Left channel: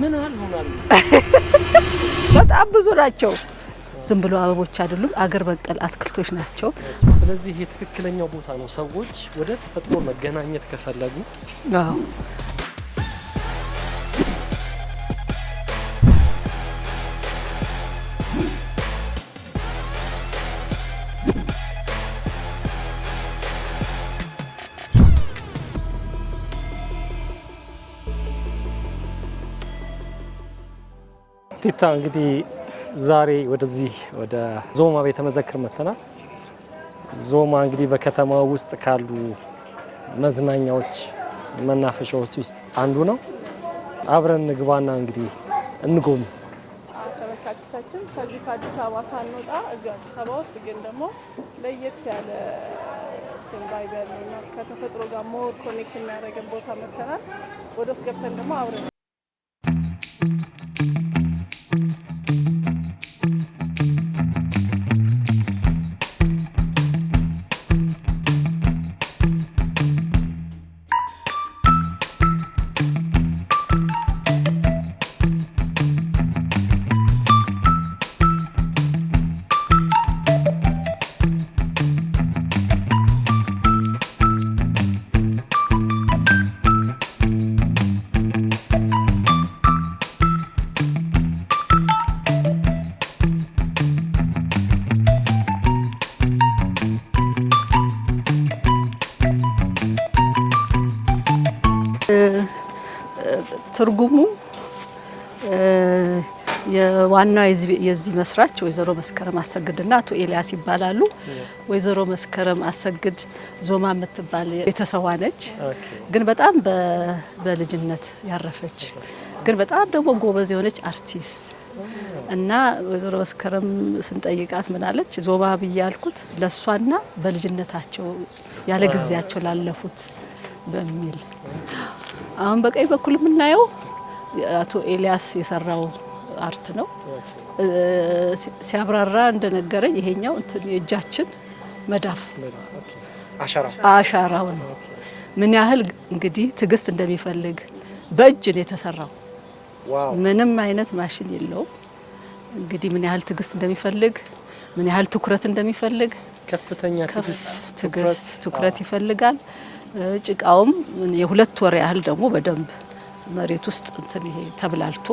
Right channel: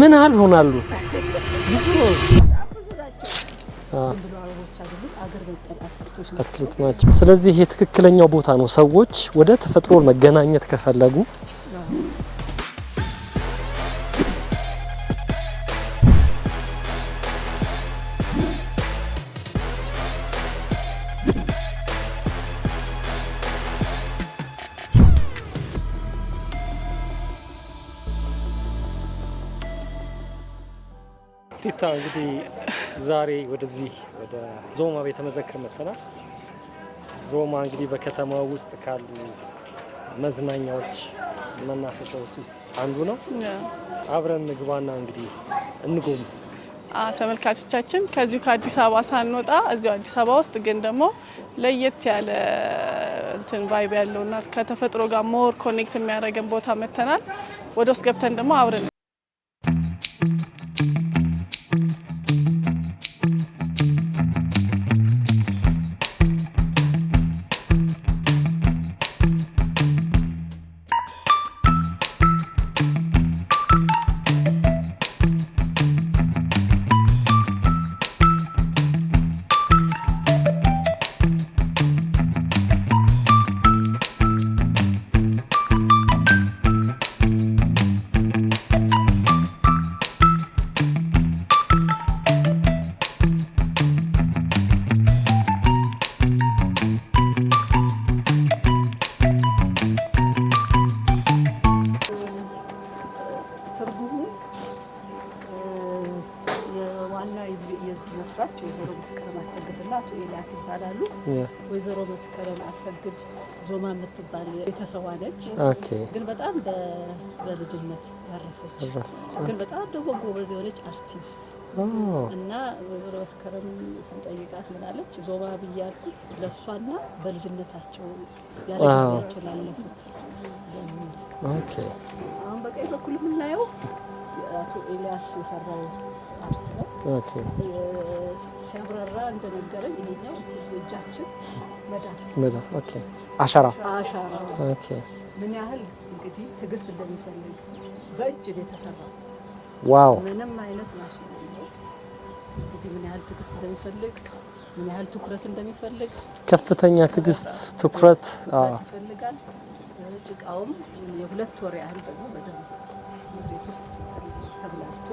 ምን ያህል ሆናሉ? በጣም ብዙ ናቸው። ዝም ብሎ አበቦች አይደሉም፣ አገር በቀል አትክልቶች ናቸው። ስለዚህ ይሄ ትክክለኛው ቦታ ነው ሰዎች ወደ ተፈጥሮ መገናኘት ከፈለጉ። አዎ ቲታ እንግዲህ ዛሬ ወደዚህ ወደ ዞማ ቤተ መዘክር መተናል። ዞማ እንግዲህ በከተማው ውስጥ ካሉ መዝናኛዎች መናፈሻዎች ውስጥ አንዱ ነው። አብረን ንግባና እንግዲህ እንጎም። ተመልካቾቻችን ከዚሁ ከአዲስ አበባ ሳንወጣ እዚሁ አዲስ አበባ ውስጥ ግን ደግሞ ለየት ያለ እንትን ቫይብ ያለውና ከተፈጥሮ ጋር ሞር ኮኔክት የሚያደርገን ቦታ መተናል። ወደ ውስጥ ገብተን ደግሞ አብረን ትርጉሙ የዋናው የዚህ መስራች ወይዘሮ መስከረም አሰግድና አቶ ኤልያስ ይባላሉ። ወይዘሮ መስከረም አሰግድ ዞማ የምትባል ቤተሰቧ ነች። ግን በጣም በልጅነት ያረፈች ግን በጣም ደግሞ ጎበዝ የሆነች አርቲስት እና ወይዘሮ መስከረም ስንጠይቃት ምናለች? ዞማ ብዬ ያልኩት ለሷና በልጅነታቸው ያለ ጊዜያቸው ላለፉት በሚል። አሁን በቀኝ በኩል የምናየው አቶ ኤልያስ የሰራው አርት ነው። ሲያብራራ እንደነገረኝ ይሄኛው እንትን የእጃችን መዳፍ አሻራው ምን ያህል እንግዲህ ትግስት እንደሚፈልግ በእጅ ነው የተሰራው። ዋው! ምንም አይነት ማሽን የለው። እንግዲህ ምን ያህል ትግስት እንደሚፈልግ ምን ያህል ትኩረት እንደሚፈልግ ከፍተኛ ትግስት ትኩረት ይፈልጋል። ጭቃውም የሁለት ወር ያህል ደግሞ በደንብ መሬት ውስጥ እንትን ይሄ ተብላልቶ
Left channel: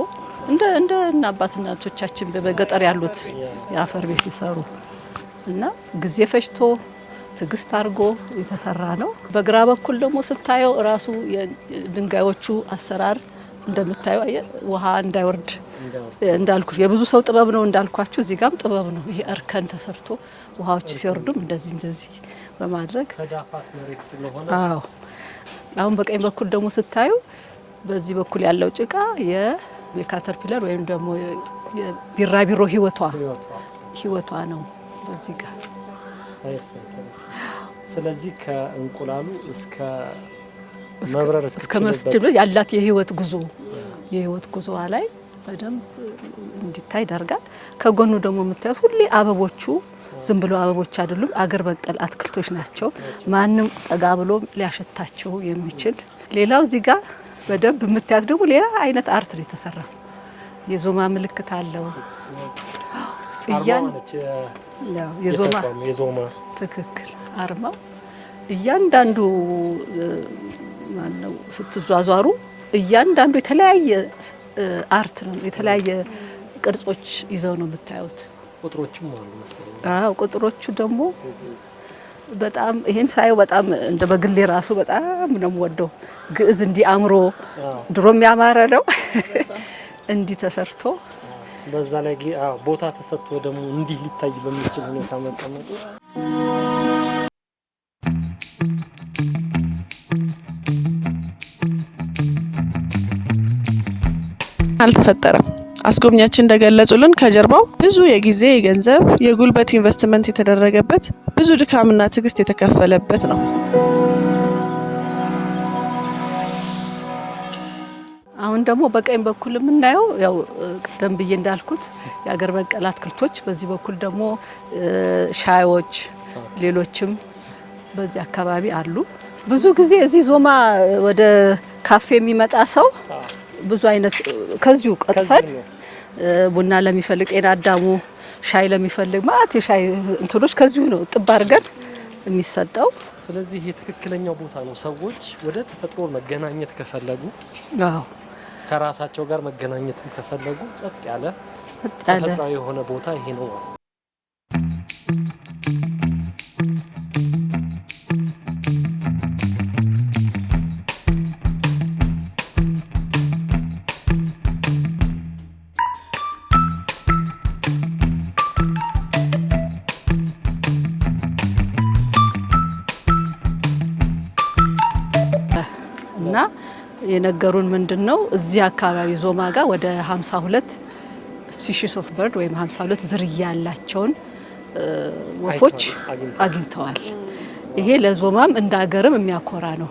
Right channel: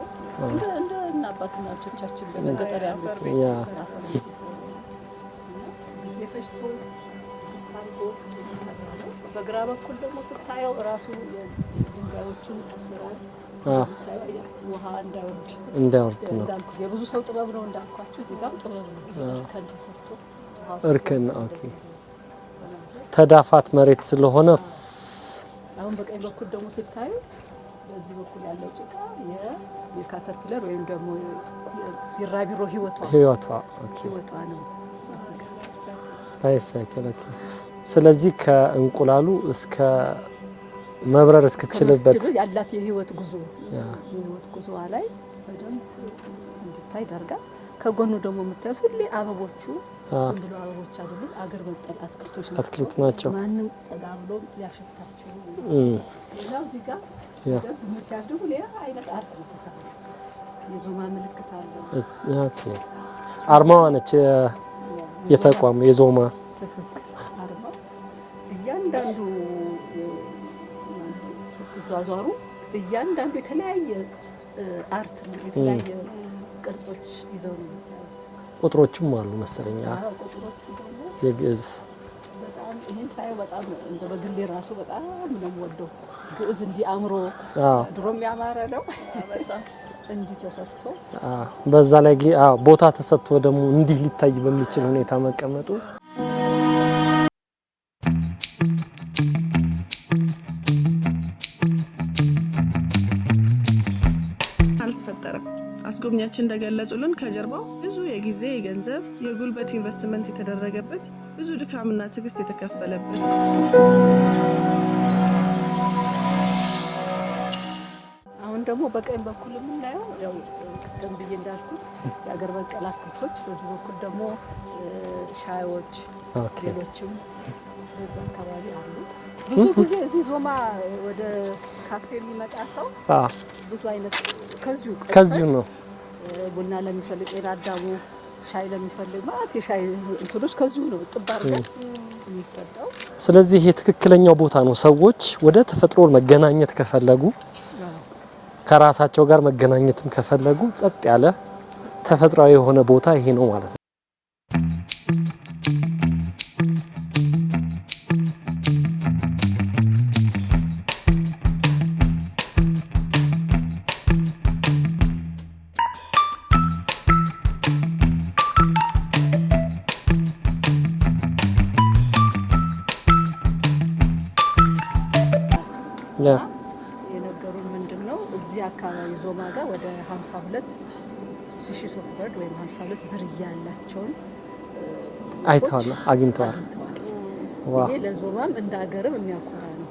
እንደ አባትና እናቶቻችን በገጠር ያሉት የአፈር ቤት ይሰሩ እና ጊዜ ፈጅቶ ትግስት አድርጎ የተሰራ ነው። በግራ በኩል ደግሞ ስታየው ራሱ የድንጋዮቹ አሰራር እንደምታየው ውሃ እንዳይወርድ እንዳልኩ የብዙ ሰው ጥበብ ነው እንዳልኳችሁ፣ እዚህ ጋርም ጥበብ ነው። ይሄ እርከን ተሰርቶ ውሃዎች ሲወርዱ እንደዚህ በማድረግ ተዳፋት መሬት ስለሆነ። አሁን በቀኝ በኩል ደግሞ ስታዩ በዚህ በኩል ያለው ጭቃ የካተርፒለር ወይም ደግሞ የቢራቢሮ ህይወቷ ነው በዚህ ጋር ስለዚህ ከእንቁላሉ እስከ መብረር እስከችልበት ያላት የህይወት ጉዞ ላይ በደንብ እንዲታይ ያደርጋል። ከጎኑ ደግሞ የምታዩት ሁሌ አበቦቹ ዝም ብሎ አበቦች አይደሉም፣ አገር በቀል አትክልቶች ናቸው። ማንም ጠጋ ብሎ ሊያሸታቸው የሚችል። ሌላው እዚህ ጋር በደንብ የምታዩት ደግሞ ሌላ አይነት አርት ነው የተሰራ። የዞማ ምልክት አለው። አርማዋ ነች የተቋም የዞማ ትክክል አርማው። እያንዳንዱ ማነው ስትዟዟሩ እያንዳንዱ የተለያየ አርት ነው፣ የተለያየ ቅርጾች ይዘው ነው የምታዩት። ቁጥሮችም አሉ መሰለኝ። ቁጥሮቹ ደግሞ በጣም ይሄን ሳየው በጣም እንደ በግሌ ራሱ በጣም ነው የምወደው። ግዕዝ እንዲህ አምሮ ድሮም ያማረ ነው እንዲህ ተሰርቶ በዛ ላይ ቦታ ተሰጥቶ ደግሞ እንዲህ ሊታይ በሚችል ሁኔታ መቀመጡ አልተፈጠረም። አስጎብኛችን እንደገለጹልን ከጀርባው ብዙ የጊዜ፣ የገንዘብ፣ የጉልበት ኢንቨስትመንት የተደረገበት ብዙ ድካምና ትግስት የተከፈለበት ነው። አሁን ደግሞ በቀኝ በኩል የምናየው ያው ቀደም ብዬ እንዳልኩት የአገር በቀል አትክልቶች፣ በዚህ በኩል ደግሞ ሻዮች፣ ሌሎችም በዚህ አካባቢ አሉ። ብዙ ጊዜ እዚህ ዞማ ወደ ካፌ የሚመጣ ሰው ብዙ አይነት ከዚሁ ቀጥፈን ቡና ለሚፈልግ ጤና አዳሙ ሻይ ለሚፈልግ ማለት የሻይ እንትሎች ከዚሁ ነው ጥብ አድርገን የሚሰጠው። ስለዚህ ይሄ ትክክለኛው ቦታ ነው። ሰዎች ወደ ተፈጥሮ መገናኘት ከፈለጉ ከራሳቸው ጋር መገናኘትን ከፈለጉ ጸጥ ያለ ተፈጥሯዊ የሆነ ቦታ ይሄ ነው ማለት ነው። እና የነገሩን ምንድነው እዚህ አካባቢ ዞማ ጋር ወደ 52 ስፒሺስ ኦፍ በርድ ወይም 52 ዝርያ ያላቸውን ወፎች አግኝተዋል። ይሄ ለዞማም እንደ ሀገርም የሚያኮራ ነው።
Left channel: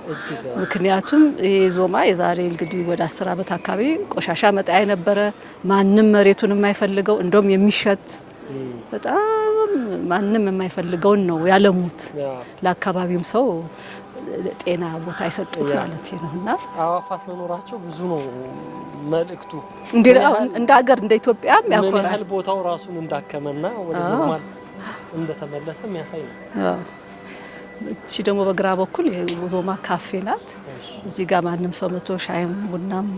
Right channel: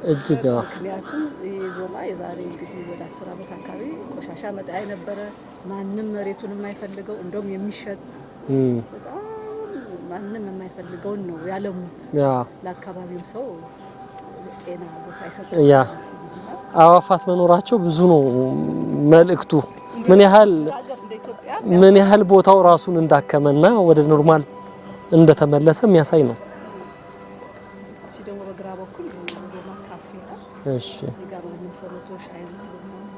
ምክንያቱም ይሄ ዞማ የዛሬ እንግዲህ ወደ 10 ዓመት አካባቢ ቆሻሻ መጣያ ነበረ። ማንም መሬቱን የማይፈልገው እንደውም የሚሸት በጣም ማንም የማይፈልገውን ነው ያለሙት። ለአካባቢውም ሰው ጤና ቦታ ይሰጡት ማለት ነውና አዋፋት መኖራቸው ብዙ ነው መልእክቱ። እንደ ሀገር እንደ ኢትዮጵያ ምን ያህል ቦታው ራሱን እንዳከመና ወደ ኖርማል እንደተመለሰ የሚያሳይ ነው። እቺ ደግሞ በግራ በኩል የዞማ ካፌ ናት። እዚህ ጋር ማንም ሰው መቶ ሻይም ቡናም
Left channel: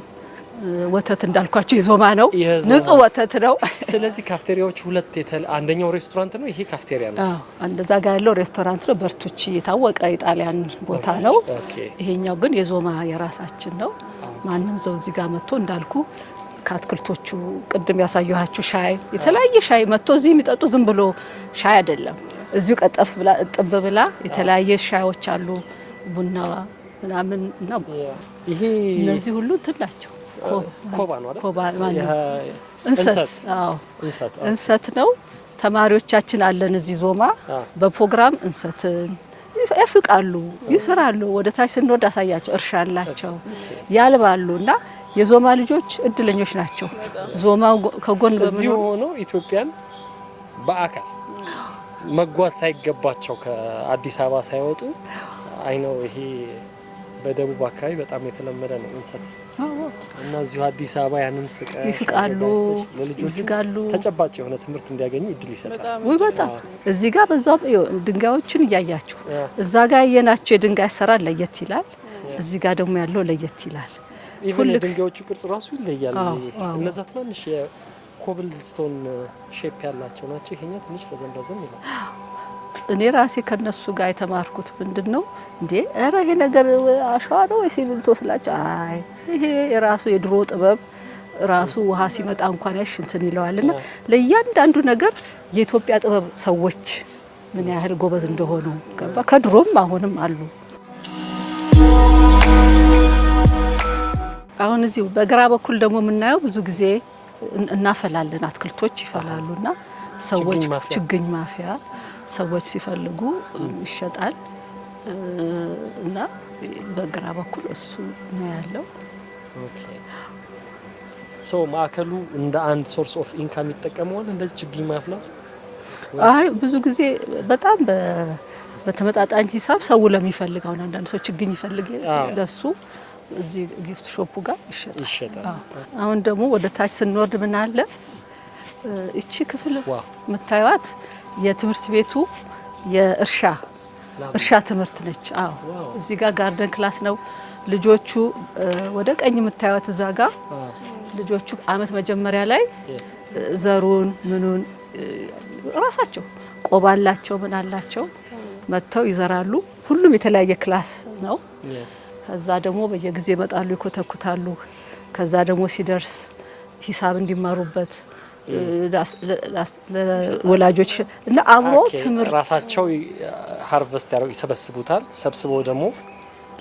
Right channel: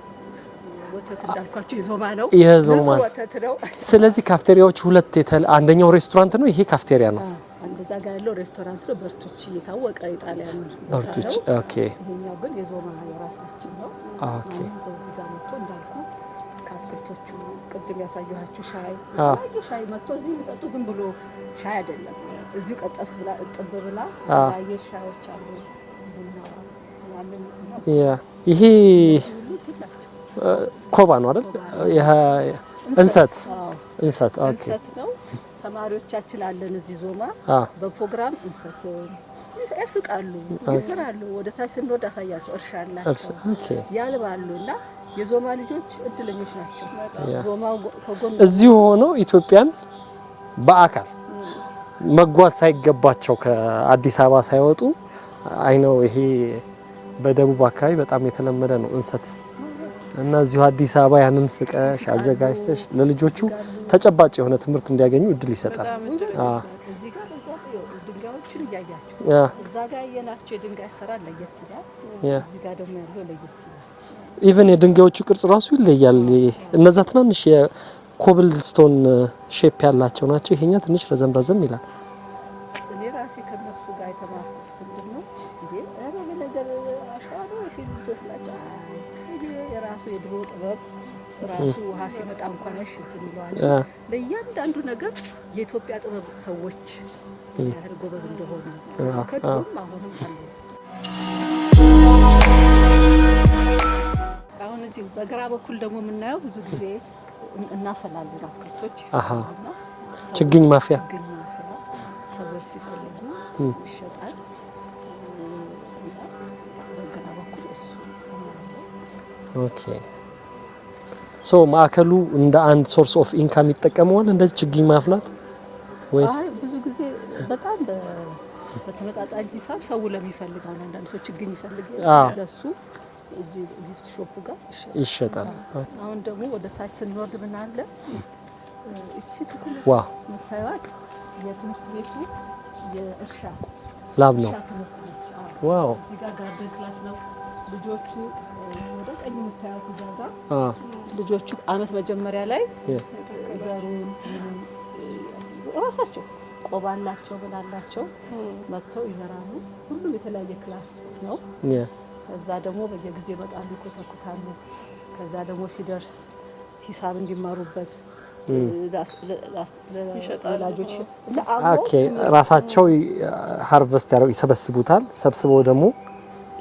ወተት እንዳልኳቸው የዞማ ነው፣ ንጹህ ወተት ነው። ስለዚህ ካፍቴሪያዎች ሁለት አንደኛው ሬስቶራንት ነው፣ ይሄ ካፍቴሪያ ነው። እንደዛ ጋር ያለው ሬስቶራንት ነው፣ በርቱቺ የታወቀ የጣሊያን ቦታ ነው። ይሄኛው ግን የዞማ የራሳችን ነው። ማንም ሰው እዚህ ጋር መጥቶ እንዳልኩ ከአትክልቶቹ ቅድም ያሳየኋችሁ ሻይ የተለያየ ሻይ መጥቶ እዚህ የሚጠጡ ዝም ብሎ ሻይ አይደለም። እዚሁ ቀጠፍ ብላ እጥብ ብላ የተለያየ ሻዮች አሉ፣ ቡና ምናምን እና ይሄ እነዚህ ሁሉ ትላቸው ኮባ ነው አይደል? እንሰት ነው። ተማሪዎቻችን አለን እዚህ ዞማ በፕሮግራም እንሰትን ያፍቃሉ፣ ይሰራሉ። ወደ ታች ስንወድ አሳያቸው እርሻ አላቸው፣ ያልባሉና የዞማ ልጆች እድለኞች ናቸው። ዞማው ከጎን እዚሁ ሆኖ ኢትዮጵያን በአካል መጓዝ ሳይገባቸው ከአዲስ አበባ ሳይወጡ አይነው። ይሄ በደቡብ አካባቢ በጣም የተለመደ ነው እንሰት እና እዚሁ አዲስ አበባ ያንን ፍቀሽ አዘጋጅተሽ ለልጆቹ ተጨባጭ የሆነ ትምህርት እንዲያገኙ እድል ይሰጣል። በጣም እዚህ ጋር በዛው ድንጋዮችን እያያችሁ እዛ ጋር ያየናቸው የድንጋይ አሰራር ለየት ይላል። እዚህ ጋር ደግሞ ያለው ለየት ይላል። ኢቭን የድንጋዮቹ ቅርጽ ራሱ ይለያል። እነዛ ትናንሽ የኮብልስቶን ሼፕ ያላቸው ናቸው። ይሄኛ ትንሽ ረዘም ይላል። እኔ ራሴ ከነሱ ጋር የተማርኩት ምንድነው እንዴ አረ ይሄ ነገር አሸዋ ነው ወይ ሲሚንቶ ስላቸው፣ አይ ይሄ የራሱ የድሮ ጥበብ ራሱ ውሃ ሲመጣ እንኳን እንትን ይለዋልና ለእያንዳንዱ ነገር የኢትዮጵያ ጥበብ ሰዎች ምን ያህል ጎበዝ እንደሆኑ ከድሮም አሁንም አሉ። አሁን እዚህ በግራ በኩል ደግሞ የምናየው ብዙ ጊዜ እናፈላለን፣ አትክልቶች ይፈላሉና ሰዎች ችግኝ ማፍያ ሰዎች ሲፈልጉ ይሸጣል እና በግራ በኩል እሱ ነው ያለው። ኦኬ ሶ ማዕከሉ እንደ አንድ ሶርስ ኦፍ ኢንካም ይጠቀመዋል እንደዚህ ችግኝ ማፍላት? አይ ብዙ ጊዜ በጣም በተመጣጣኝ ሂሳብ ሰው ለሚፈልገው አንዳንድ ሰው ችግኝ ይፈልግ ለሱ እዚህ ጊፍት ሾፑ ጋር ይሸጣል። አሁን ደግሞ ወደ ታች ስንወርድ ምን አለ እቺ ክፍል የምታዩት የትምህርት ቤቱ የእርሻ ትምህርት ነች። እዚህ ጋር ጋርደን ክላስ ነው። ልጆቹ ወደ ቀኝ የምታዩት እዛ ጋር ልጆቹ አመት መጀመሪያ ላይ ዘሩን ምኑን ራሳቸው ቆባላቸው ምን አላቸው መጥተው ይዘራሉ። ሁሉም የተለያየ ክላስ ነው። ከዛ ደግሞ በየጊዜው ይመጣሉ፣ ይኮተኩታሉ። ከዛ ደግሞ ሲደርስ ሂሳብ እንዲማሩበት ወላጆች እና ትምህርት ራሳቸው ሃርቨስት ያለው ይሰበስቡታል። ሰብስበው ደግሞ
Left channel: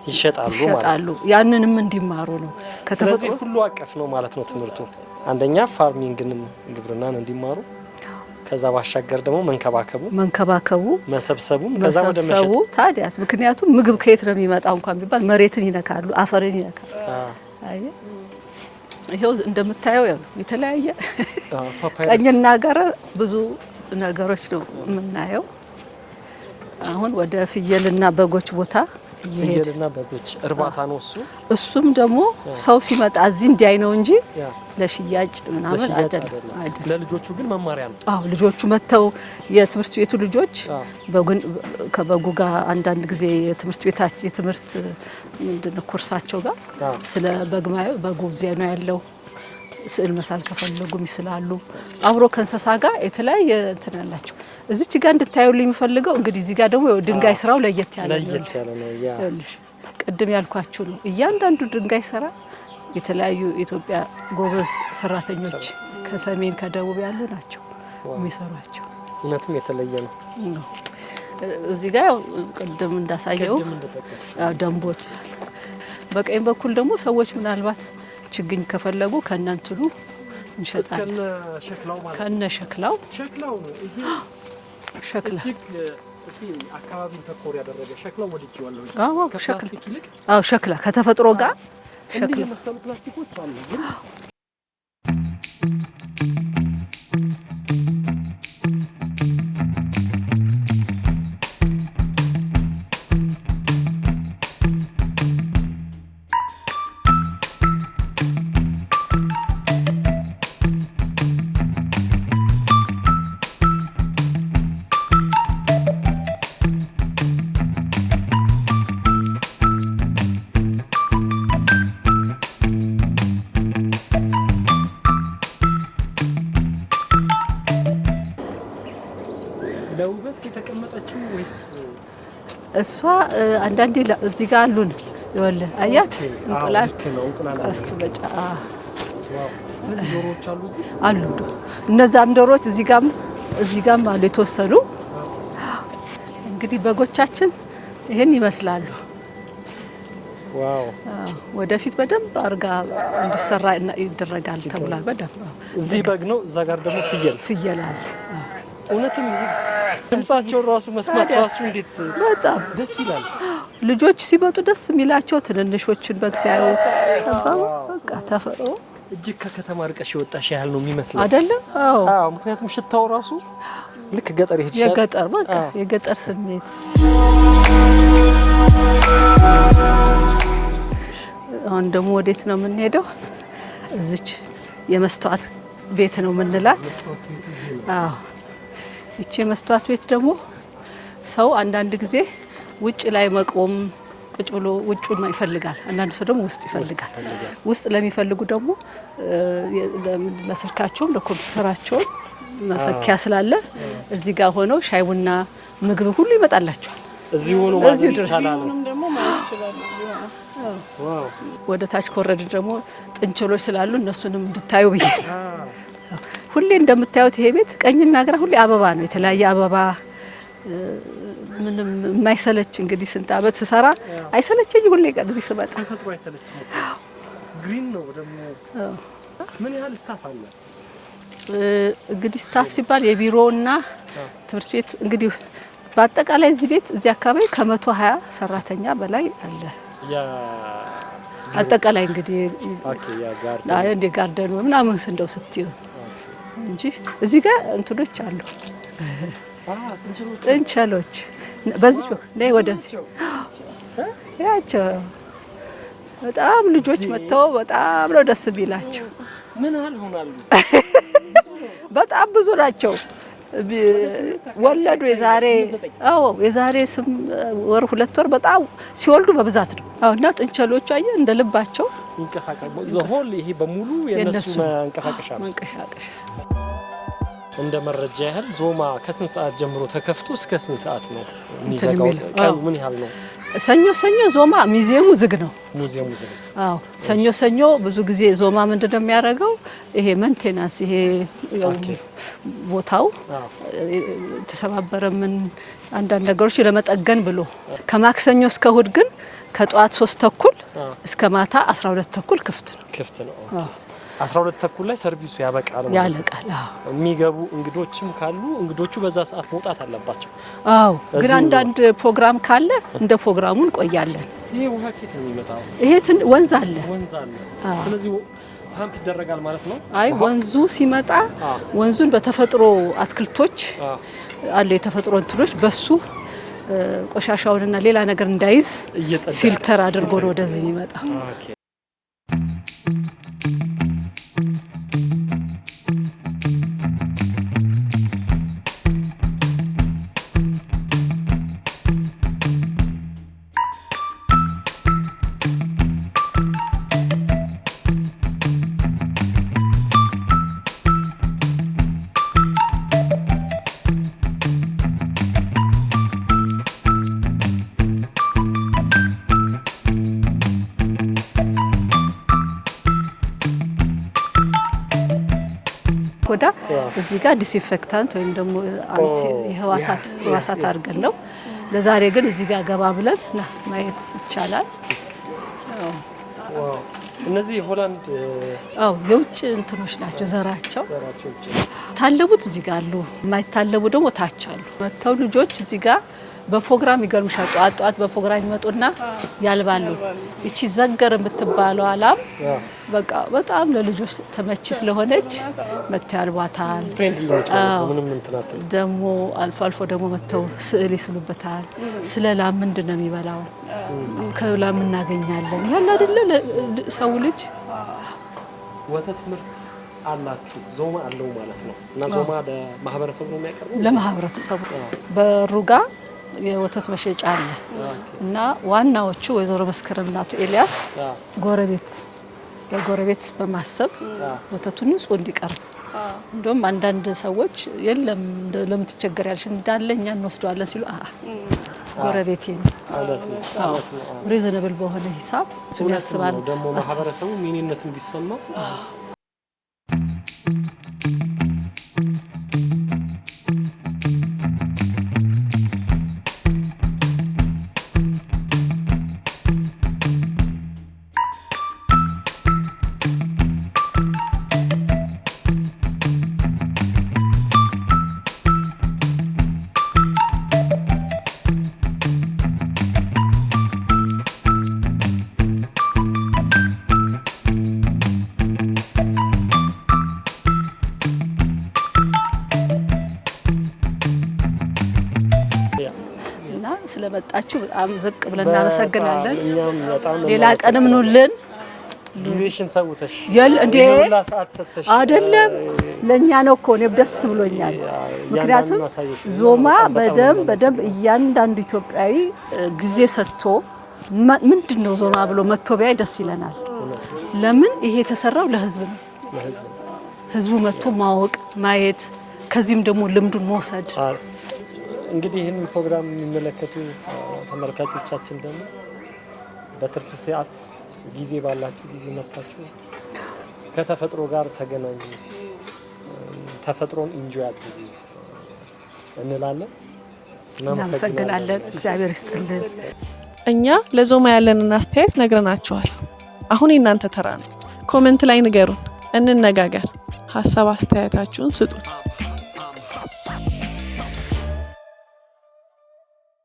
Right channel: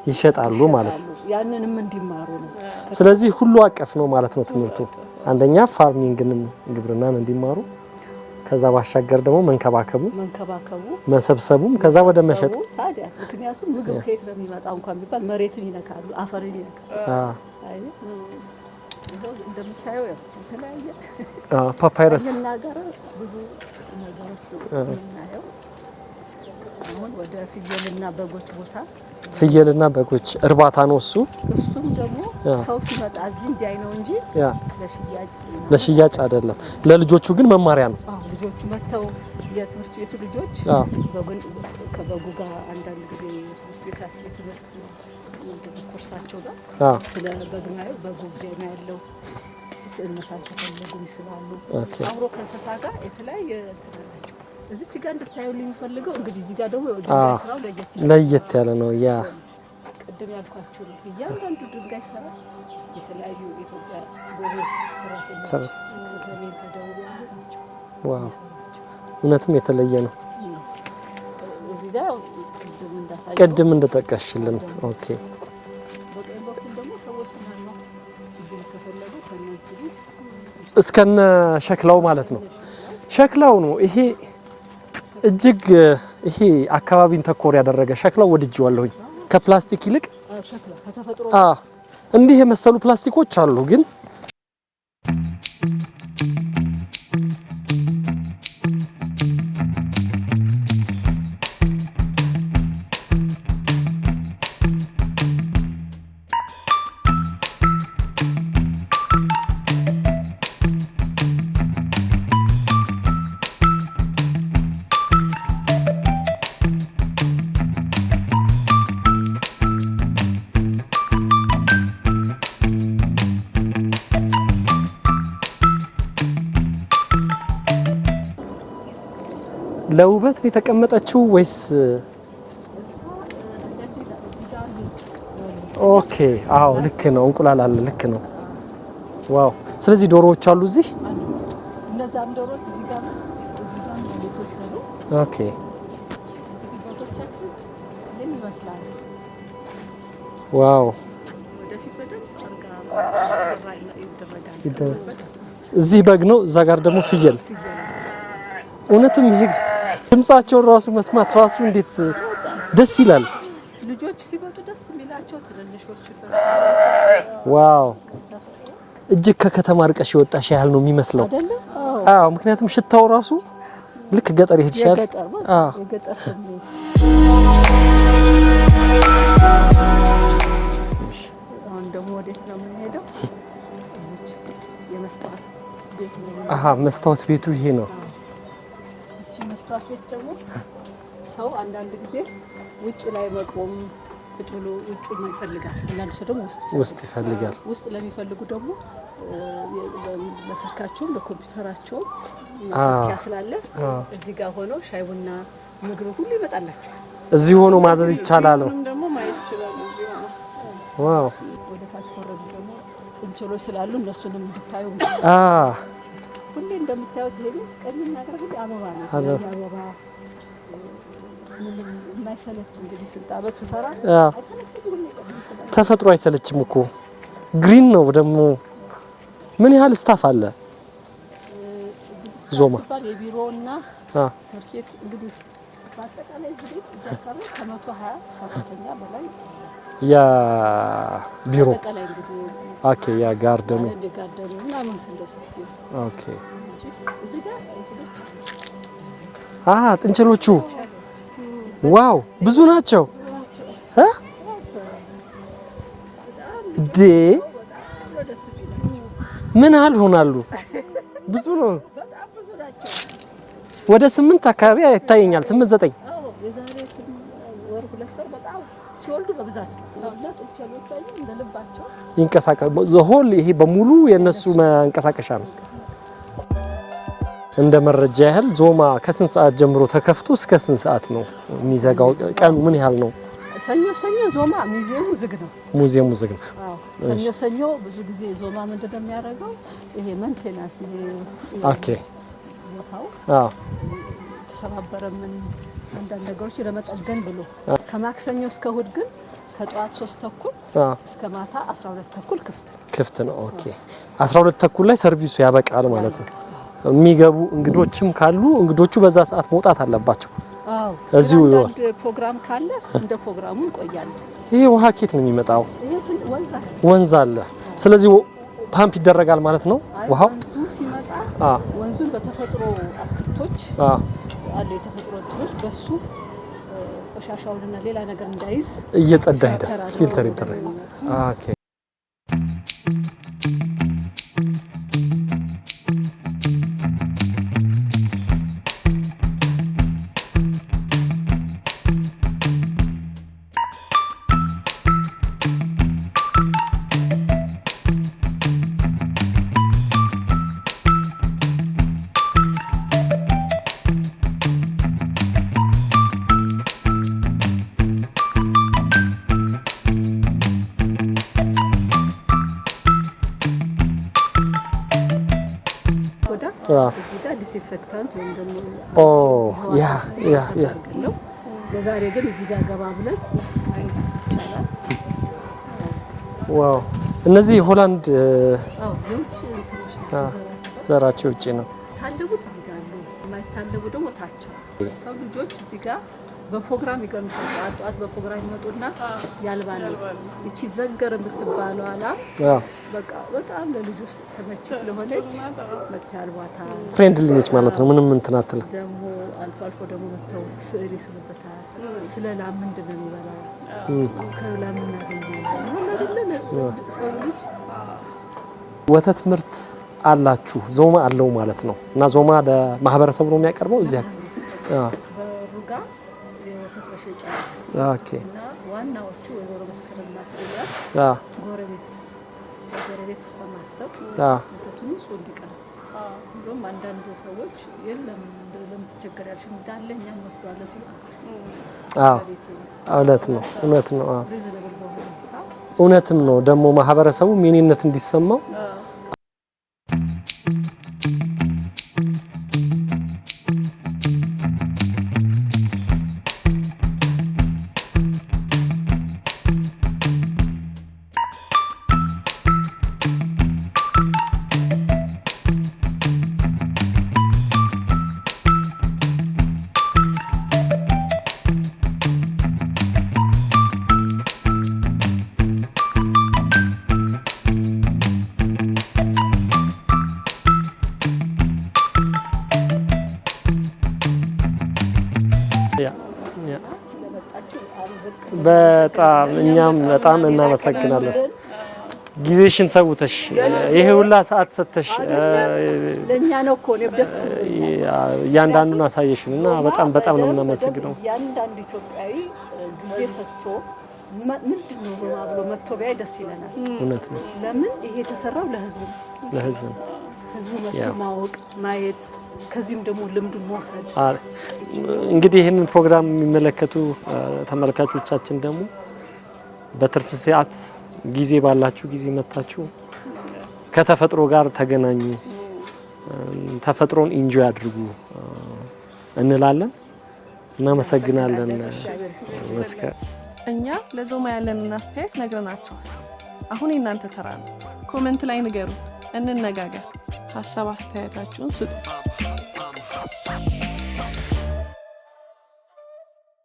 ይሸጣሉ ማለት ነው። ያንንም እንዲማሩ ነው። ስለዚህ ሁሉ አቀፍ ነው ማለት ነው ትምህርቱ። አንደኛ ፋርሚንግን ግብርናን እንዲማሩ፣ ከዛ ባሻገር ደግሞ መንከባከቡ መሰብሰቡ፣ ከዛ ወደ መሸጥ ታዲያስ። ምክንያቱም ምግብ ከየት ነው የሚመጣው እንኳን ቢባል መሬትን ይነካሉ፣ አፈርን ይነካሉ። ይሄው እንደምታየው የተለያየ ቀኝና ገረ ብዙ ነገሮች ነው የምናየው። አሁን ወደ ፍየልና በጎች ቦታ ፍየልና በጎች እርባታ ነው እሱ። እሱም ደግሞ ሰው ሲመጣ እዚህ እንዲያይ ነው እንጂ ለሽያጭ አይደለም። ለልጆቹ ግን መማሪያ ነው። አዎ ልጆቹ መተው የትምህርት ቤቱ ልጆች ከበጉ ጋር አንዳንድ ጊዜ የትምህርት ምንድነው ኮርሳቸው ጋር ስለ በጉ እዚያ ነው ያለው። ስዕል መሳል ከፈለጉ ይስላሉ። አብሮ ከእንስሳ ጋር የተለያየ እንትን አላቸው። እዚች ጋር እንድታዩልኝ የሚፈልገው እንግዲህ እዚህ ጋር ደግሞ ድንጋይ ስራው ለየት ያለ ነው። ቅድም ያልኳችሁ ነው። እያንዳንዱ ድንጋይ ስራ የተለያዩ ኢትዮጵያ ጎበዝ ሰራተኞች ከሰሜን ከደቡብ ያሉ ናቸው የሚሰሯቸው። እውነትም የተለየ ነው። እዚህ ጋር ቅድም እንደጠቀሽ ደንቦት፣ በቀኝ በኩል ደግሞ ሰዎች ምናልባት ችግኝ ከፈለጉ ከነንትሉ እስከነ ሸክላው ማለት ነው። ሸክላው ነው ይሄ እጅግ ይሄ አካባቢን ተኮር ያደረገ ሸክላው ወድጄዋለሁ። ከፕላስቲክ ይልቅ ሸክላ ከተፈጥሮ ጋር እንዲህ የመሰሉ ፕላስቲኮች አሉ ግን ለውበት የተቀመጠችው ወይስ እሷ? አንዳንዴ እዚህ ጋር አሉን ይወለ ኦኬ። አዎ ልክ ነው። እንቁላል አለ። ልክ ነው። ዋው። ስለዚህ ዶሮዎች አሉ እዚህ አሉ። እነዛም ዶሮዎች እዚህ ጋርም አሉ የተወሰኑ። ኦኬ። እንግዲህ በጎቻችን ይሄን ይመስላሉ። ዋው። ወደፊት በደንብ አርጋ እንዲሰራ ይደረጋል ተብሏል። በደንብ እዚህ በግ ነው፣ እዛ ጋር ደግሞ ፍየል አለ። እውነትም ይሄ ድምጻቸው ራሱ መስማት ራሱ እንዴት ደስ ይላል። ልጆች ሲመጡ ደስ የሚላቸው ትንንሾችን በግ ሲያዩ ዋው በቃ ተፈጥሮ እጅግ ከከተማ ርቀሽ የወጣሽ ያህል ነው የሚመስለው አይደለም? አዎ ምክንያቱም ሽታው ራሱ ልክ ገጠር ይሄድሻል። የገጠር በቃ የገጠር ስሜት። አሁን ደግሞ ወዴት ነው የምንሄደው? እዚች የመስተዋት ቤት ነው የምንላት። መስተዋት ቤቱ ይሄ ነው። አዎ እቺ የመስተዋት ቤት ደግሞ ሰው አንዳንድ ጊዜ ውጭ ላይ መቆም ቁጭ ብሎ ውጭውን ይፈልጋል። አንዳንድ ሰው ደግሞ ውስጥ ይፈልጋል። ውስጥ ለሚፈልጉ ደግሞ ለስልካቸውም ለኮምፒውተራቸውም ማሰኪያ ስላለ እዚህ ጋር ሆነው ሻይ ቡና ምግብ ሁሉ ይመጣላቸዋል። እዚህ ሆኖ ማዘዝ ይቻላል ነው ደግሞ ማለት ይችላል። እዚህ ሆኖ ዋው። ወደ ታች ኮረድ ደግሞ ጥንቸሎች ስላሉ እነሱንም እንድታዩ ብዬ ሁሌ እንደምታዩት ይሄ ቤት ቀኝና ግራ ሁሌ አበባ ነው። የተለያየ አበባ ምንም የማይሰለች እንግዲህ ስንት አመት ስሰራ አይሰለቸኝ። ሁሌ ቀን እዚህ ስመጣ ተፈጥሮ አይሰለችም እኮ ግሪን ነው። ደግሞ ምን ያህል ስታፍ አለ? እንግዲህ ስታፍ ሲባል የቢሮና ትምህርት ቤት እንግዲህ በአጠቃላይ እዚህ ቤት እዚህ አካባቢ ከ120 ሰራተኛ በላይ አለ። ያ ቢሮ አጠቃላይ እንግዲህ ኦኬ። ያ ጋርደን እንደ ጋርደን ምናምን እንደው ስትዩ ኦኬ እንጂ እዚህ ጋር እንትኖች አሉ። ጥንቸሎች ዋው ብዙ ናቸው። ያቸው በጣም ልጆች መጥተው በጣም ነው ደስ ቢላቸው። ምን ያህል ሆናሉ? ብዙ ነው። በጣም ብዙ ናቸው። ወደ 8 አካባቢ አይታየኛል። 8 9 አዎ የዛሬ 8 ወር 2 ወር በጣም ሲወልዱ በብዛት ነው። አሁና ጥንቸሎቹ አየ እንደ ልባቸው ይንቀሳቀሳሉ። ዘሆል ይሄ በሙሉ የነሱ መንቀሳቀሻ ነው። እንደ መረጃ ያህል ዞማ ከስንት ሰዓት ጀምሮ ተከፍቶ እስከ ስንት ሰዓት ነው የሚዘጋው? ቀኑ ምን ያህል ነው? ሰኞ ዞማ ሙዚየሙ ዝግ ነው። ሙዚየሙ ዝግ ነው። አዎ ሰኞ ብዙ ጊዜ ዞማ ምንድነው የሚያደርገው? ይሄ መንቴናንስ ይሄ ቦታው ተሰባበረ ምን አንዳንድ ነገሮች ለመጠገን ብሎ ከማክሰኞ እስከ እሁድ ግን ከጧት 3 ተኩል እስከ ማታ 12 ተኩል ክፍት ነው። ኦኬ 12 ተኩል ላይ ሰርቪሱ ያበቃል ማለት ነው። የሚገቡ እንግዶችም ካሉ እንግዶቹ በዛ ሰዓት መውጣት አለባቸው። አዎ ግን አንዳንድ ፕሮግራም ካለ እንደ ፕሮግራሙ እንቆያለን። ይሄ ውሃ ኬት ነው የሚመጣው? ይሄ ወንዝ አለ። ስለዚህ ፓምፕ ይደረጋል ማለት ነው። አይ ወንዙ ሲመጣ ወንዙን በተፈጥሮ አትክልቶች አለ የተፈጥሮ እንትኖች በሱ ቆሻሻውንና ሌላ ነገር እንዳይዝ ፊልተር አድርጎ ወደዚህ ይመጣ። ኦኬ እዚህ ጋር ዲስኢንፌክታንት ወይም ደግሞ አንቲ ህዋሳት አድርገን ነው። ለዛሬ ግን እዚህ ጋር ገባ ብለን ማየት ይቻላል። ዋው እነዚህ ሆላንድ የውጭ እንትኖች ናቸው። ዘራቸው ውጭ ነው። ታለቡት እዚህ ጋር አሉ። የማይታለቡ ደግሞ ታች አሉ። መተው ልጆች እዚህ ጋር በፕሮግራም ይገርምሻል። ጧት በፕሮግራም ይመጡና ያልባሉ። እቺ ዘገር የምትባለው አላም በቃ በጣም ለልጆች ተመቺ ስለሆነች መተው ያልባታል። ፍሬንድሊ ነች ማለት ነው። ምንም እንትናትል ደግሞ አልፎ ደግሞ መተው ስዕል ይስሉበታል። ስለ ላም ምንድነው የሚበላው ከላም እናገኛለን ያለ አይደለ ሰው ልጅ ወተት ምርት አላችሁ ዞማ አለው ማለት ነው። እና ዞማ ለማህበረሰቡ ነው የሚያቀርበው እዚህ ለማህበረሰቡ በሩጋ የወተት መሸጫ አለ። እና ዋናዎቹ ወይዘሮ መስከረምና አቶ ኤልያስ ጎረቤት በማሰብ ወተቱ ንጹህ እንዲቀርብ እንደውም አንዳንድ ሰዎች የለም ለምትቸገር ያልሽ እንዳለኛ እንወስደዋለን ሲሉ ጎረቤቴ ነው። እውነት ነው። ሪዝነብል በሆነ ሂሳብ እውነት ነው። ደግሞ ማህበረሰቡ ምንነት እንዲሰማው ስለመጣችሁ በጣም ዝቅ ብለን እናመሰግናለን። እኛም በጣም ሌላ ቀንም ኑልን። ጊዜሽን ሰውተሽ የሁላ ሰዓት ሰጥተሽ አይደለም ለኛ ነው እኮ ነው ደስ ብሎኛል። ያንዳንዱ ማሳየሽ ነው። ዞማ በደም እያንዳንዱ ኢትዮጵያዊ ጊዜ ሰጥቶ ምንድነው ዞማ ብሎ መጥቶ ቢያይ ደስ ይለናል። ለምን ይሄ የተሰራው ለህዝብ ነው። ህዝቡ መጥቶ ማወቅ ማየት ከዚህም ደግሞ ልምዱን መውሰድ። እንግዲህ ይሄንን ፕሮግራም የሚመለከቱ ተመልካቾቻችን ደግሞ በትርፍ ሰዓት ጊዜ ባላችሁ ጊዜ መጣችሁ ከተፈጥሮ ጋር ተገናኙ፣ ተፈጥሮን ኢንጆይ አድርጉ እንላለን። እናመሰግናለን። እግዚአብሔር ይስጥልን። እኛ ለዞማ ያለንን አስተያየት ነግረናችኋል። አሁን የእናንተ ተራ ነው። ኮሜንት ላይ ንገሩን፣ እንነጋገር፣ ሀሳብ አስተያየታችሁን ስጡ።